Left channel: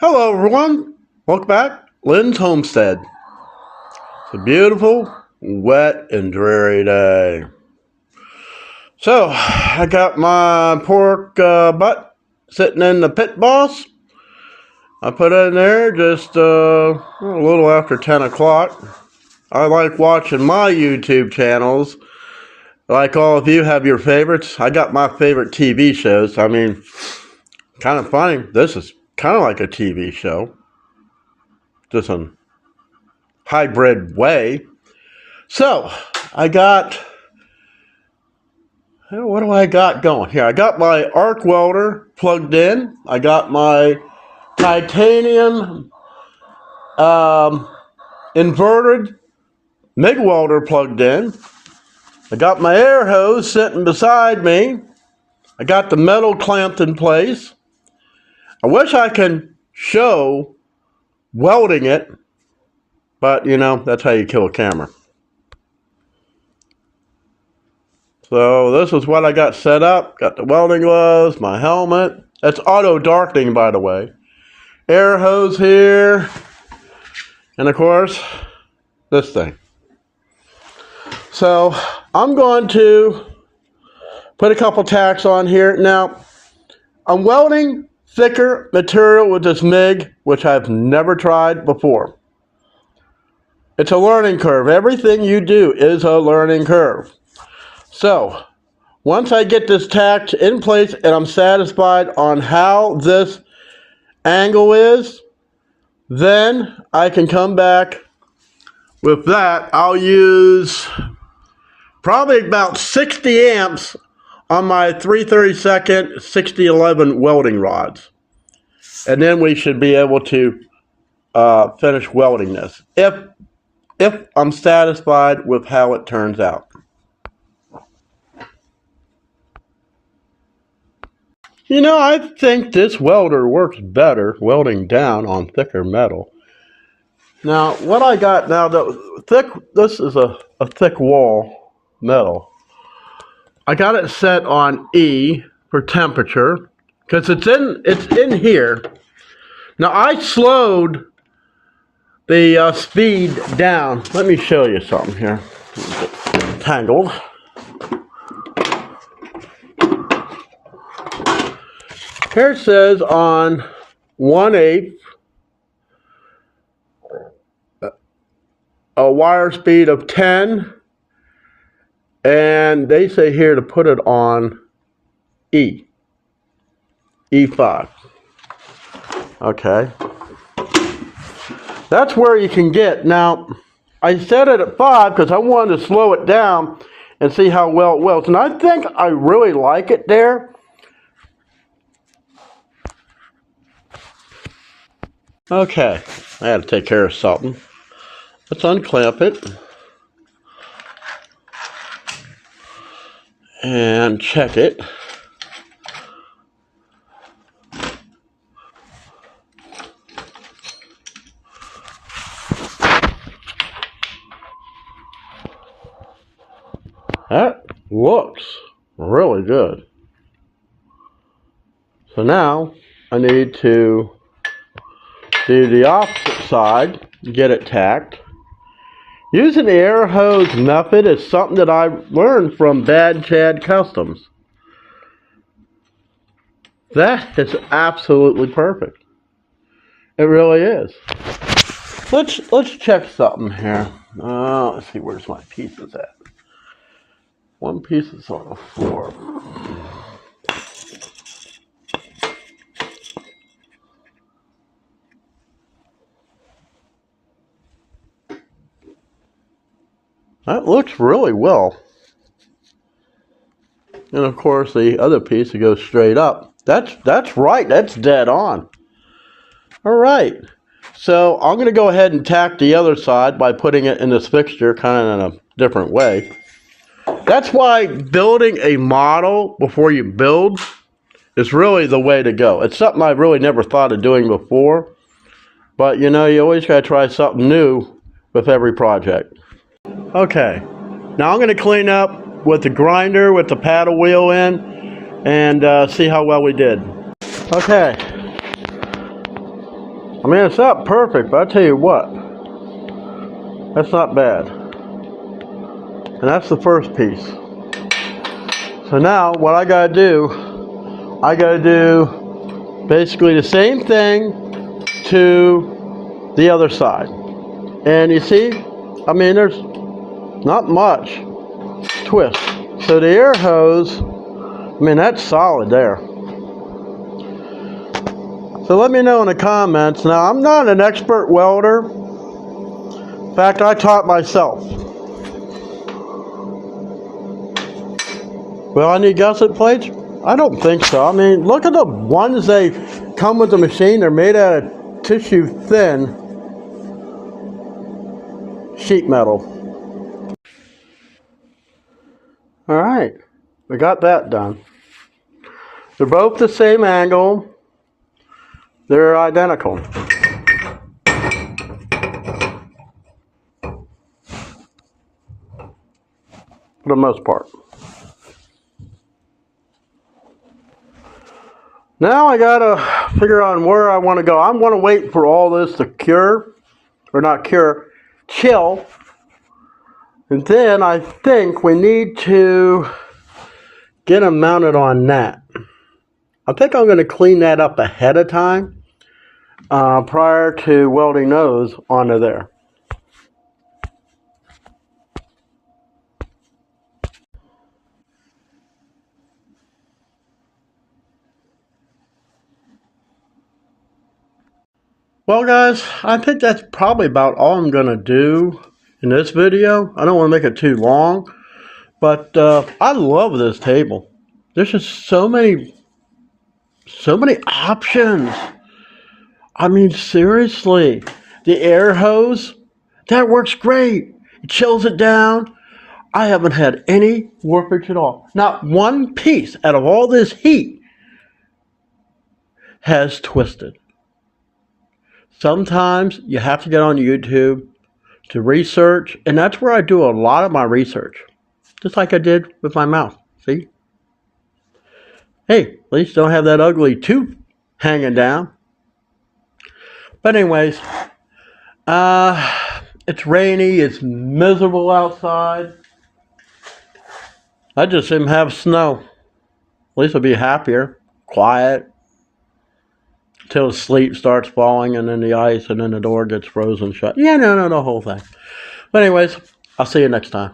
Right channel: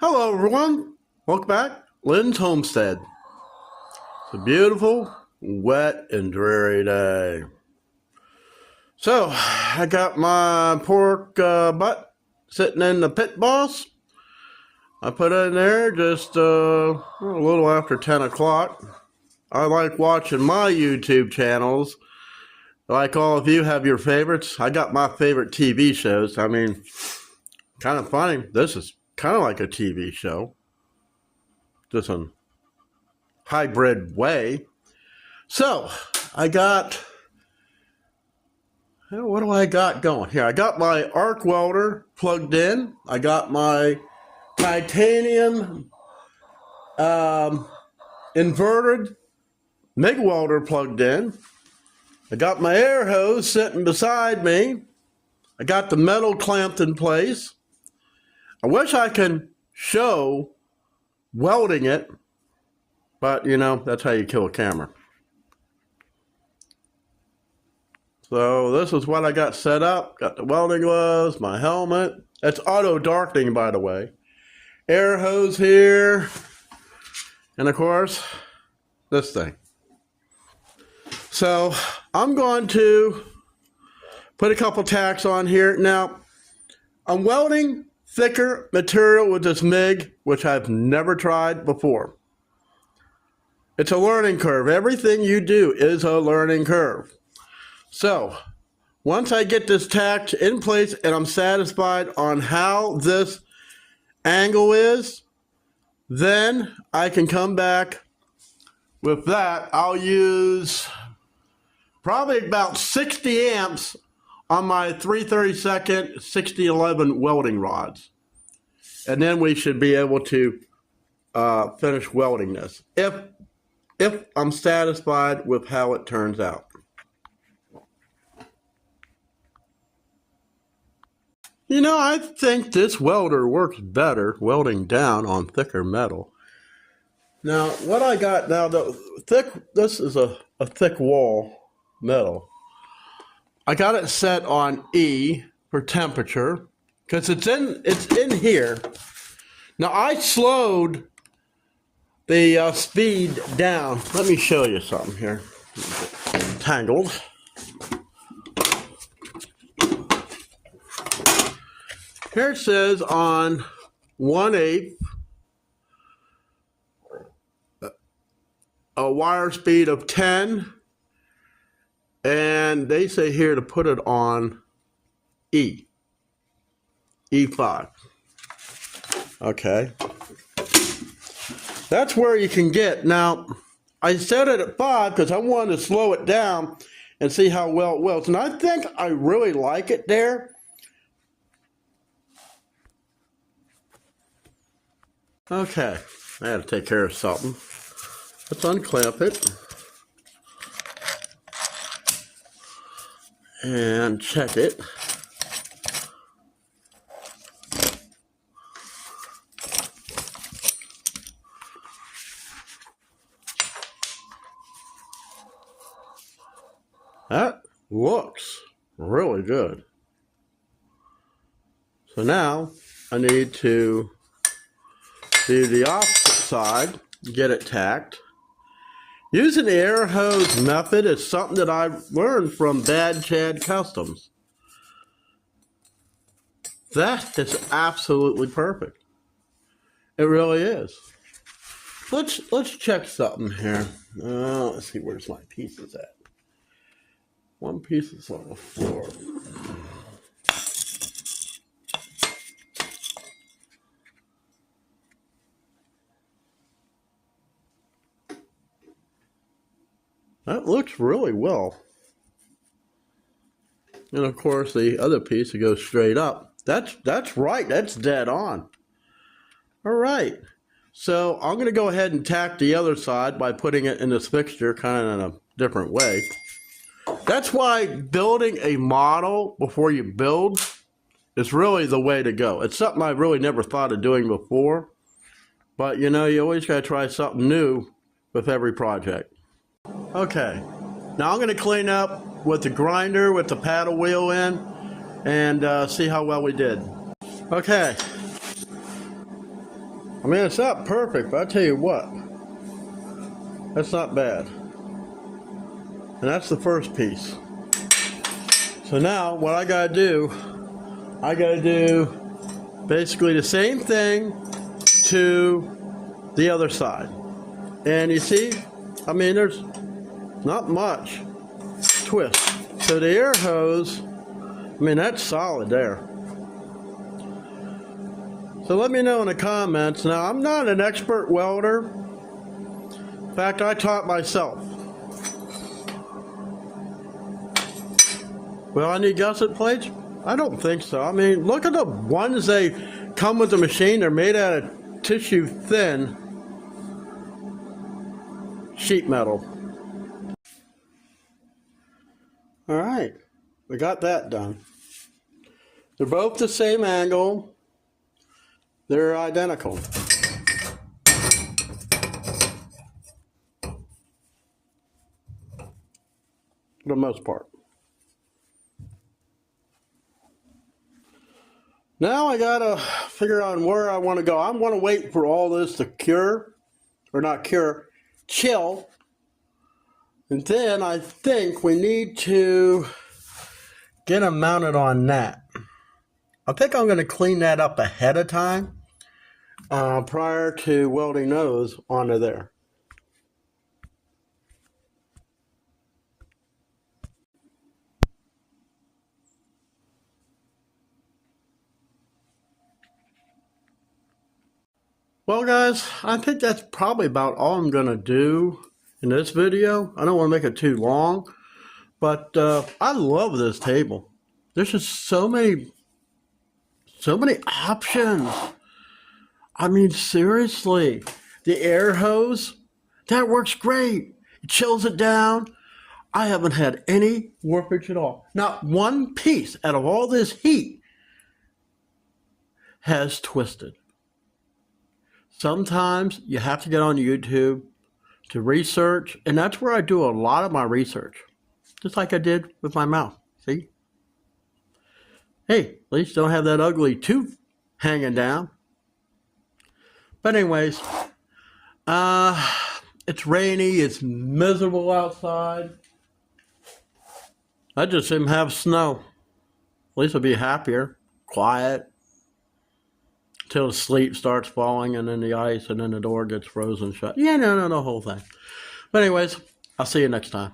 Hello everyone, welcome back. Lynn's Homestead. It's a beautiful, wet, and dreary day. So, I got my pork butt sitting in the pit boss. I put it in there just a little after 10 o'clock. I like watching my YouTube channels. Like all of you have your favorites. I got my favorite TV shows. I mean, kind of funny. This is kind of like a TV show. Just a hybrid way. So, I got, what do I got going here? I got my arc welder plugged in. I got my titanium inverted MIG welder plugged in. I got my air hose sitting beside me. I got the metal clamped in place. I wish I can show welding it, but you know, that's how you kill a camera. So this is what I got set up. Got the welding gloves, my helmet. It's auto darkening, by the way. Air hose here. And of course, this thing. So I'm going to put a couple tacks on here. Now, I'm welding thicker material with this MIG, which I've never tried before. It's a learning curve. Everything you do is a learning curve. So, once I get this tacked in place and I'm satisfied on how this angle is, then I can come back with that. I'll use probably about 60 amps on my 3/32 6011 welding rods. And then we should be able to finish welding this if I'm satisfied with how it turns out. You know, I think this welder works better welding down on thicker metal. Now, what I got now, this is a thick wall metal. I got it set on E for temperature because it's in here. Now I slowed the speed down. Let me show you something here. Tangled. Here it says on 1/8 a wire speed of 10. And they say here to put it on E5. Okay. That's where you can get. Now, I set it at 5 because I wanted to slow it down and see how well it welds. And I think I really like it there. Okay. I had to take care of something. Let's unclamp it. And check it. That looks really good. So now I need to do the opposite side, get it tacked. Using the air hose method is something that I learned from Bad Chad Customs. That is absolutely perfect. It really is. Let's check something here. Let's see, where's my pieces at? One piece is on the floor. That looks really well. And of course the other piece that goes straight up. That's right, that's dead on. Alright. So I'm going to go ahead and tack the other side by putting it in this fixture kind of in a different way. That's why building a model before you build is really the way to go. It's something I really never thought of doing before. But you know, you always got to try something new with every project. Okay, now I'm going to clean up with the grinder with the paddle wheel in and see how well we did. Okay, I mean, it's not perfect, but I tell you what, that's not bad. And that's the first piece. So now what I gotta do basically the same thing to the other side. And you see, I mean, there's not much twist. So the air hose, I mean, that's solid there. So let me know in the comments. Now, I'm not an expert welder. In fact, I taught myself. Will I need gusset plates? I don't think so. I mean, look at the ones they come with the machine. They're made out of tissue thin sheet metal. All right, we got that done. They're both the same angle. They're identical. For the most part. Now I gotta figure out where I want to go. I'm gonna wait for all this to cure, or not cure, chill. And then I think we need to get them mounted on that. I think I'm gonna clean that up ahead of time, prior to welding those onto there. Well guys, I think that's probably about all I'm going to do in this video. I don't want to make it too long, but I love this table. There's just so many options. I mean, seriously, the air hose, that works great. It chills it down. I haven't had any warpage at all. Not one piece out of all this heat has twisted. Sometimes you have to get on YouTube to research, and that's where I do a lot of my research. Just like I did with my mouth, see? Hey, at least don't have that ugly tooth hanging down. But anyways, it's rainy, it's miserable outside. I just didn't have snow. At least I'll be happier, quiet. Till the sleet starts falling and then the ice and then the door gets frozen shut. Yeah, no, the whole thing. But anyways, I'll see you next time.